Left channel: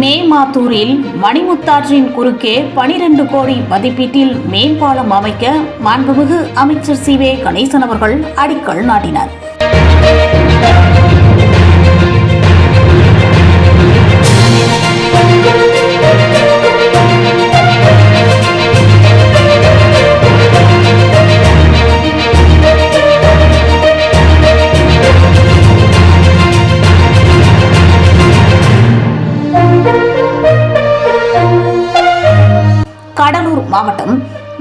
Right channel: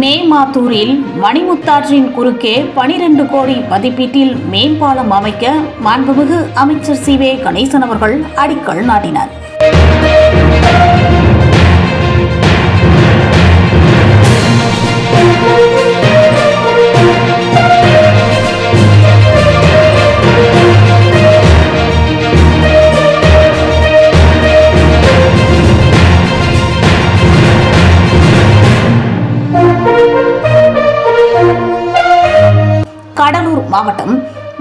மேமாத்தூரில் மணிமுத்தாற்றின் குறுக்கே 12 கோடி மதிப்பீட்டில் மேம்பாலம் அமைக்க மாண்புமிகு அமைச்சர் சி.வே. கணேசன் அவர்கள் அடிக்கல் நாட்டினார். கடலூர் மாவட்டம்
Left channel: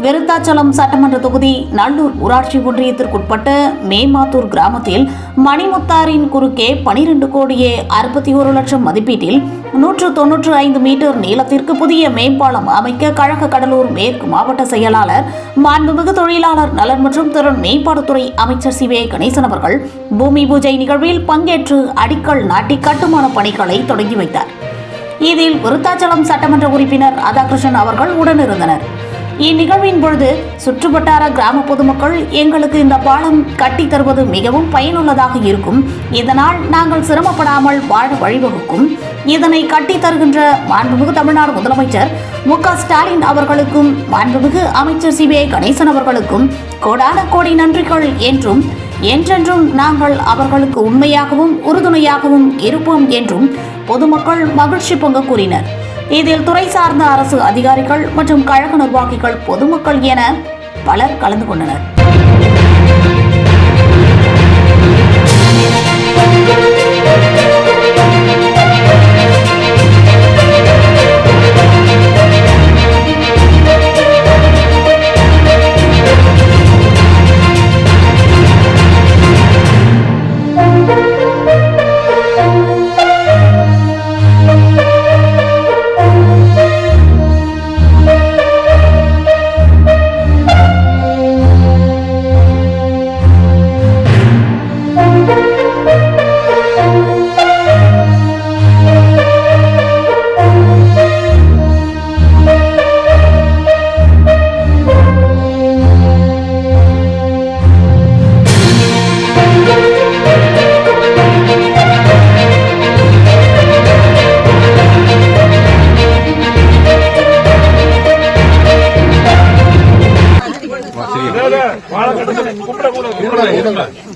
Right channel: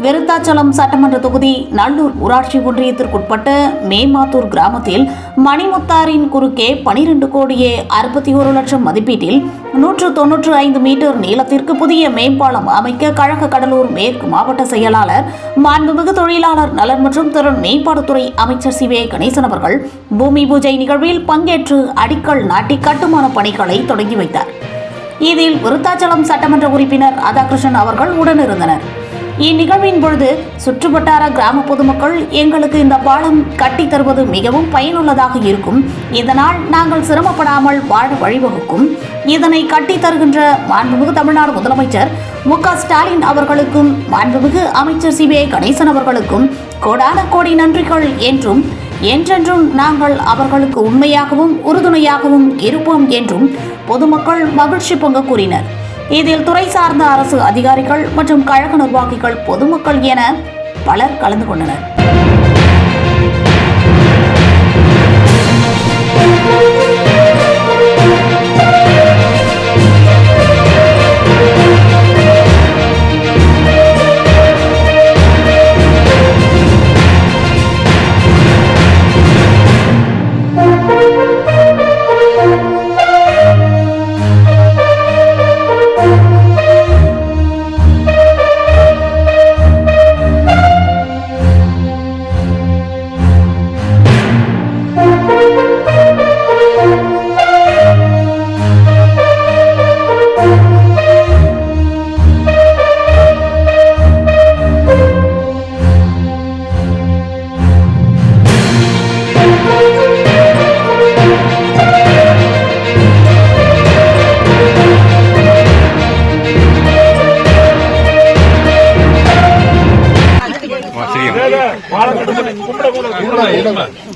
விருத்தாச்சலம் சட்டமன்ற தொகுதி நல்லூர் ஊராட்சி ஒன்றியத்திற்குட்பட்ட மேமாத்தூர் கிராமத்தில் மணிமுத்தாரின் குறுக்கே 12 கோடியே 61 லட்சம் மதிப்பீட்டில் 195 மீட்டர் நீளத்திற்கு புதிய மேம்பாலம் அமைக்க கழக கடலூர் மேற்கு மாவட்ட செயலாளர் மாண்புமிகு தொழிலாளர் நலன் மற்றும் திறன் மேம்பாட்டுத்துறை அமைச்சர் சி.வே. கணேசன் அவர்கள் பூமி பூஜை நிகழ்வில் பங்கேற்று அடிக்கல் நாட்டி கட்டுமான பணிகளை தொடங்கி வைத்தார். இதில் விருத்தாச்சலம் சட்டமன்ற உறுப்பினர் ராதாகிருஷ்ணன் அவர்கள் உடனிருந்தனர். இந்நிகழ்வின் பொழுது சுற்றுவட்டார கிராம பொதுமக்கள் எங்களுக்கு இந்த பாலம் கட்டி தருவது மிகவும் பயனுள்ளதாக இருக்கும், இதனால் நாங்கள் சிரமப்படாமல் வாழ வழிவகுக்கும், இதனை கட்டி தருகின்ற மாண்புமிகு தமிழ்நாடு முதலமைச்சர் மு.க. ஸ்டாலின் அவர்களுக்கும் மாண்புமிகு அமைச்சர் சி.வே. கணேசன் அவர்களுக்கும் கோடான கோடி நன்றிகள் என்றும் என்றென்றும் நாங்கள் அவர்களுக்கு உண்மையாகவும் உறுதுணையாகவும் இருப்போம் என்றும் பொதுமக்கள் மகிழ்ச்சி பொங்க கூறினர். இதில் துறை சார்ந்த அரசு அதிகாரிகள் மற்றும் கழக நிர்வாகிகள், பொதுமக்கள் என பலர் கலந்து கொண்டனர்.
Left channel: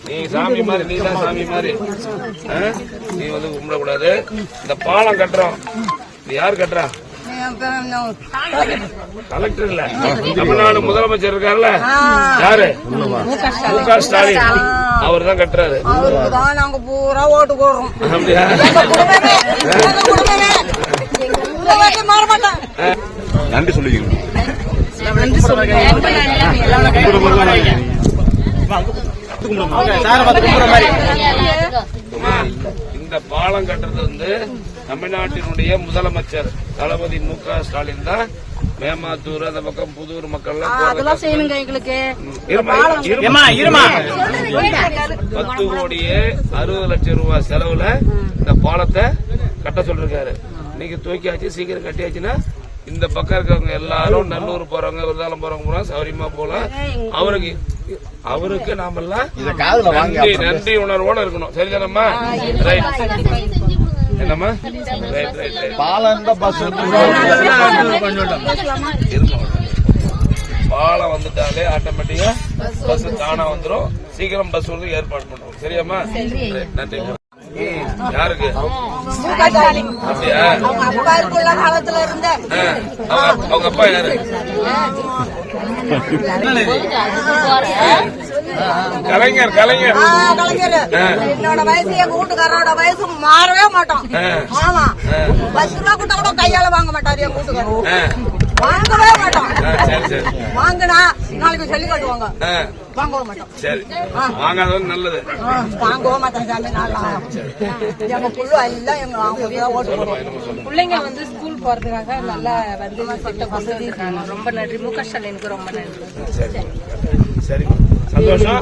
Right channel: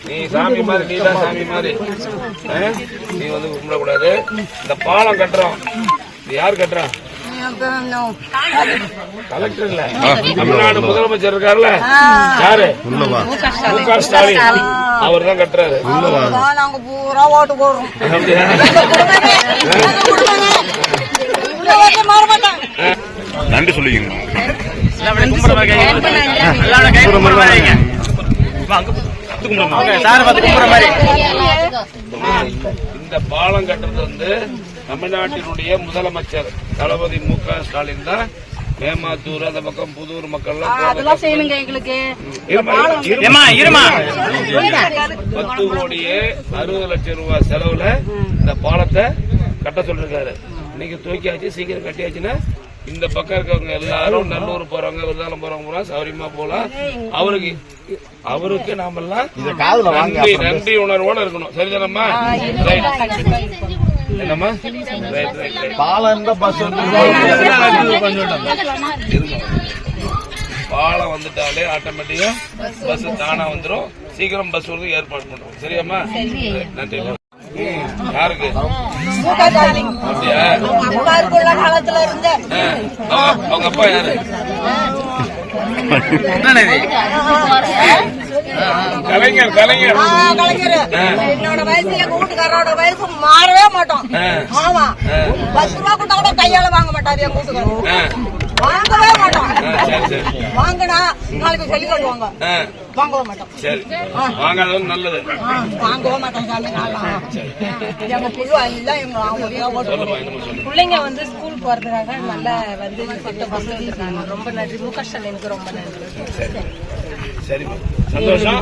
நீ சாமி மாதிரி, நீ தான் சாமி மாதிரி, நீ வந்து கும்பிடக்கூடாது. இந்த பாலம் கட்டுறோம், இது யாரு கட்டுறா? கலெக்டர் இல்ல, தமிழ்நாடு முதலமைச்சர் இருக்காருல்ல, யாரு? மு.க. ஸ்டாலின் அவர் தான் கட்டுறாரு. நன்றி சொல்லுவீங்க. இந்த பாலம் கட்டுறது வந்து தமிழ்நாட்டினுடைய முதலமைச்சர் தளபதி மு.க. ஸ்டாலின் தான். மேமாத்தூர் அந்த பக்கம் புதூர் மக்கள் 10 கோடியே 60 லட்சம் ரூபாய் செலவுல இந்த பாலத்தை கட்ட சொல்லிருக்காரு. இன்னைக்கு தூக்கியாச்சு, சீக்கிரம் கட்டியாச்சுன்னா இந்த பக்கம் இருக்கவங்க எல்லாரும் நல்லூர் போறவங்க, விருதாலம் போறவங்க போலாம், சௌரியமா போலாம். அவருக்கு நாமெல்லாம் நன்றி உணர்வோட இருக்கணும். சரிதானம்மா? ரைட். என்னம்மா? Right right right. பாலம் வந்துட்டாலே ஆட்டோமேட்டிக்கா பஸ் தானா வந்துடும். சீக்கிரம் பஸ் வந்து ஏற்பாடு பண்றோம். சரியாம்மா? நன்றி. யாருக்கு? அப்படியா? அவங்க அப்பா யாரு? கலைஞர். என்னோட வயசு, எங்க வீட்டுக்காரோட வயசு மாறவே மாட்டோம். ஆமா, 10 ரூபா கொடுத்தா கூட கையால வாங்க மாட்டாரு எங்க வீட்டுக்காரர். வாங்கவே மாட்டோம். வாங்கினா நாளைக்கு சொல்லி கட்டுவாங்க, வாங்கவே மாட்டோம். சரி, வாங்காதது நல்லது. வாங்கவே மாட்டோம் சாமி. எங்க புள்ளு எல்லாம் எங்க பிள்ளைங்க வந்து ஸ்கூல் போறதுக்காக நல்லா வந்து வசதி இருக்காங்க. ரொம்ப நன்றி மு.க. ஸ்டாலினுக்கு, ரொம்ப நன்றி. சரி, சந்தோஷம்.